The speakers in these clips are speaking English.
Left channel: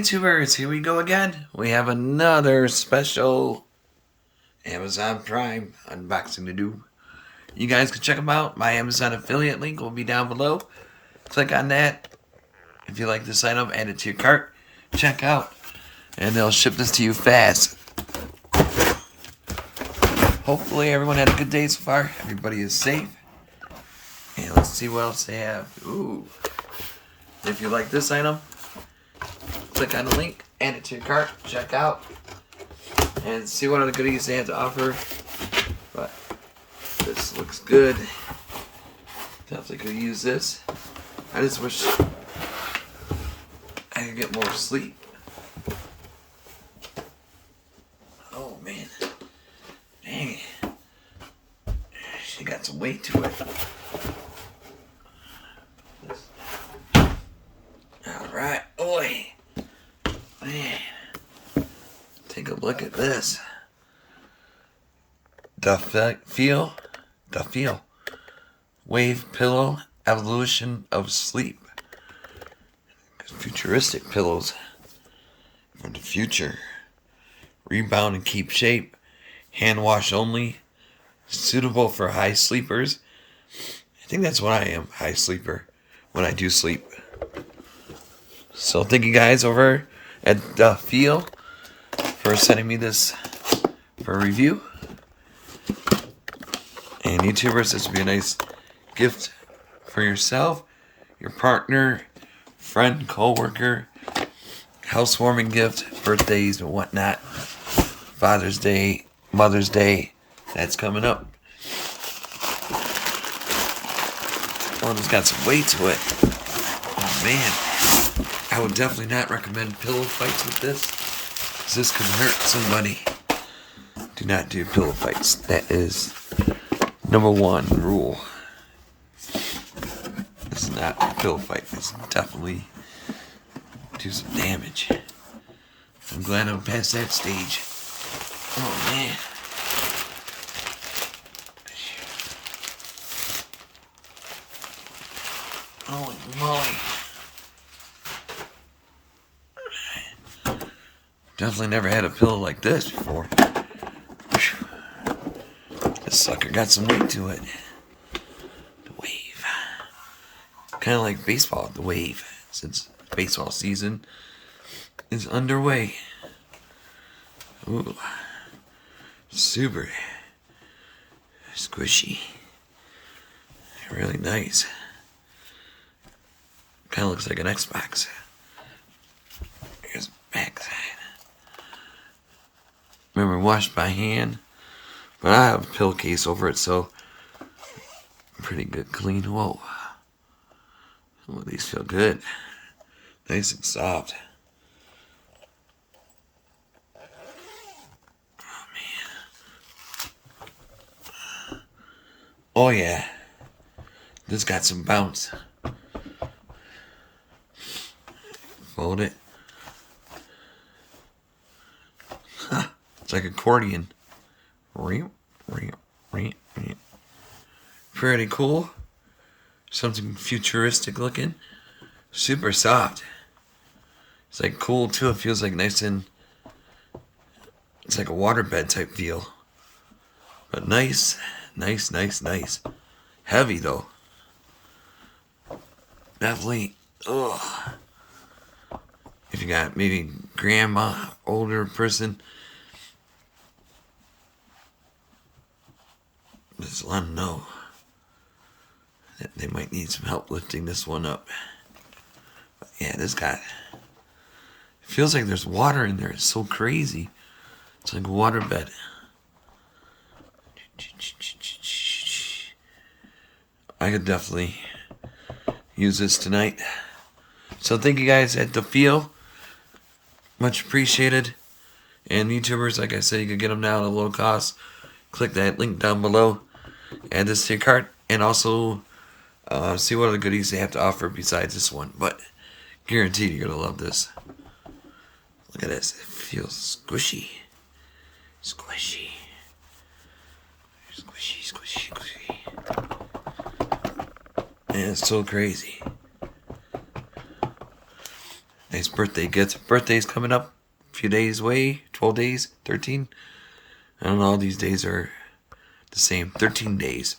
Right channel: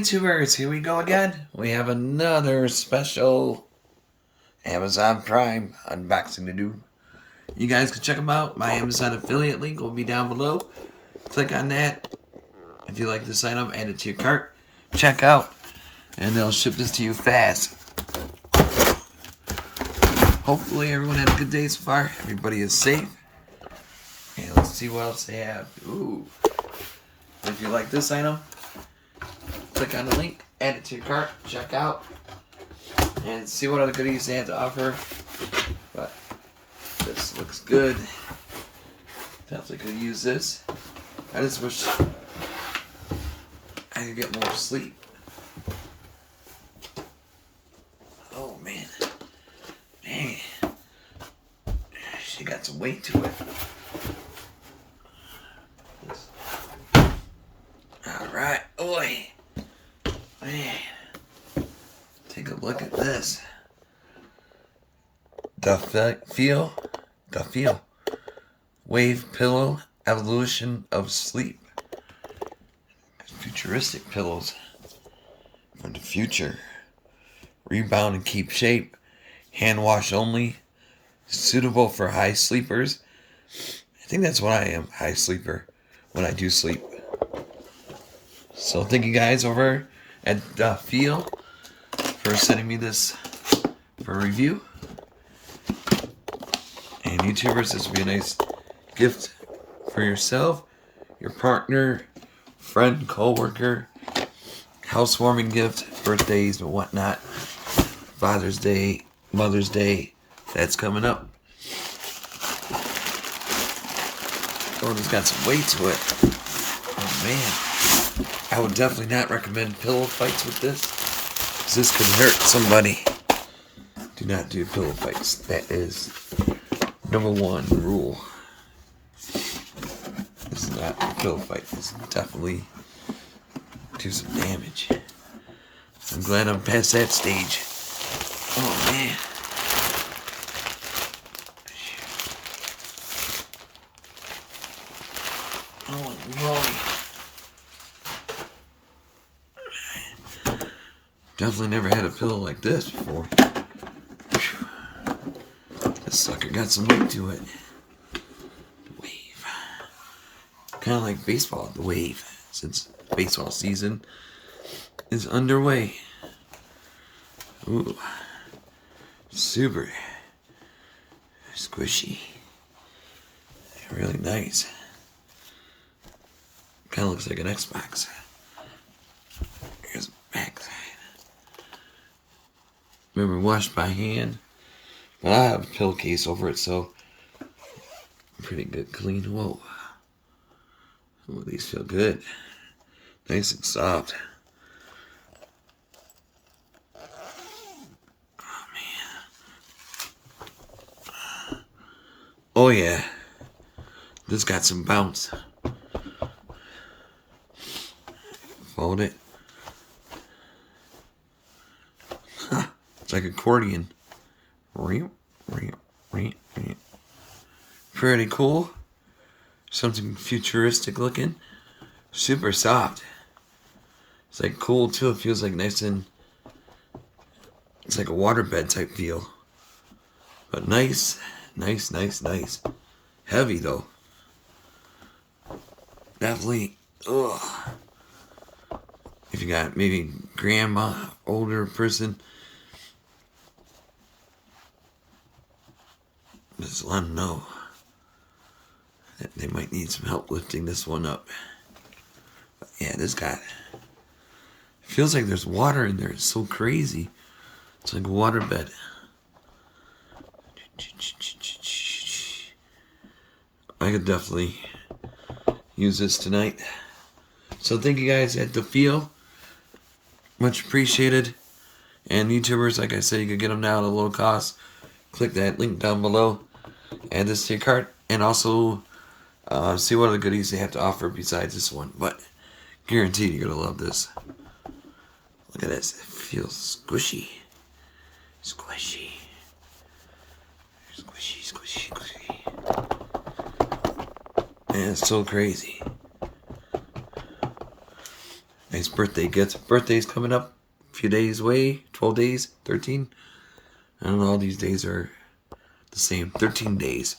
YouTubers, here we go again. We have another special Amazon Prime unboxing to do. You guys can check them out. My Amazon affiliate link will be down below. Click on that. If you like this item, add it to your cart. Check out. And they'll ship this to you fast. Hopefully everyone had a good day so far. Everybody is safe. And let's see what else they have. Ooh. If you like this item, click on the link, add it to your cart, check out, and see what other goodies they have to offer. But this looks good. Definitely could use this. I just wish I could get more sleep. Oh man. Dang. She got some weight to it. Alright. Oi. Man. Take a look at this. DaFeel. Wave Pillow Evolution of Sleep. Futuristic pillows from the future. Rebound and keep shape. Hand wash only. Suitable for high sleepers. I think that's what I am. High sleeper. When I do sleep. So thank you guys over at DaFeel for sending me this for a review. And YouTubers, this would be a nice gift for yourself, your partner, friend, co-worker, housewarming gift, birthdays and whatnot, Father's Day, Mother's Day, that's coming up. Oh, it's got some weight to it. Oh man. I would definitely not recommend pillow fights with this, because this could hurt somebody. Do not do pillow fights. That is #1 rule. This is not a pillow fight. This definitely do some damage. I'm glad I'm past that stage. Oh man. Holy moly. Definitely never had a pillow like this before. This sucker got some weight to it. The wave. Kind of like baseball, the wave. Since baseball season is underway. Ooh. Super squishy. Really nice. Kind of looks like an Xbox. Here's the back side. Remember, washed by hand. But I have a pillowcase over it, so pretty good clean. Whoa. Some of these feel good. Nice and soft. Oh, man. Oh, yeah. This got some bounce. Fold it. It's like accordion. Pretty cool. Something futuristic looking. Super soft. It's like cool too. It feels like nice and... It's like a waterbed type feel. But nice. Nice. Heavy though. Definitely. Ugh. If you got maybe grandma, older person, just let them know that they might need some help lifting this one up. But yeah, this guy, it feels like there's water in there. It's so crazy. It's like a waterbed. I could definitely use this tonight. So thank you guys at DaFeel. Much appreciated. And YouTubers, like I said, you can get them now at a low cost. Click that link down below. Add this to your cart. And also see what other goodies they have to offer besides this one. But guaranteed you're going to love this. Look at this. It feels squishy. Squishy. And it's so crazy. Nice nice birthday gift. Birthday's coming up. A few days away. 12 days. 13. I don't know. All these days are the same. 13 days.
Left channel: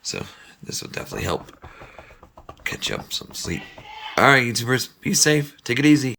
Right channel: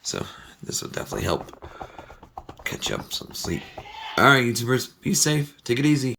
So this will definitely help catch up some sleep. Alright, YouTubers. Be safe. Take it easy.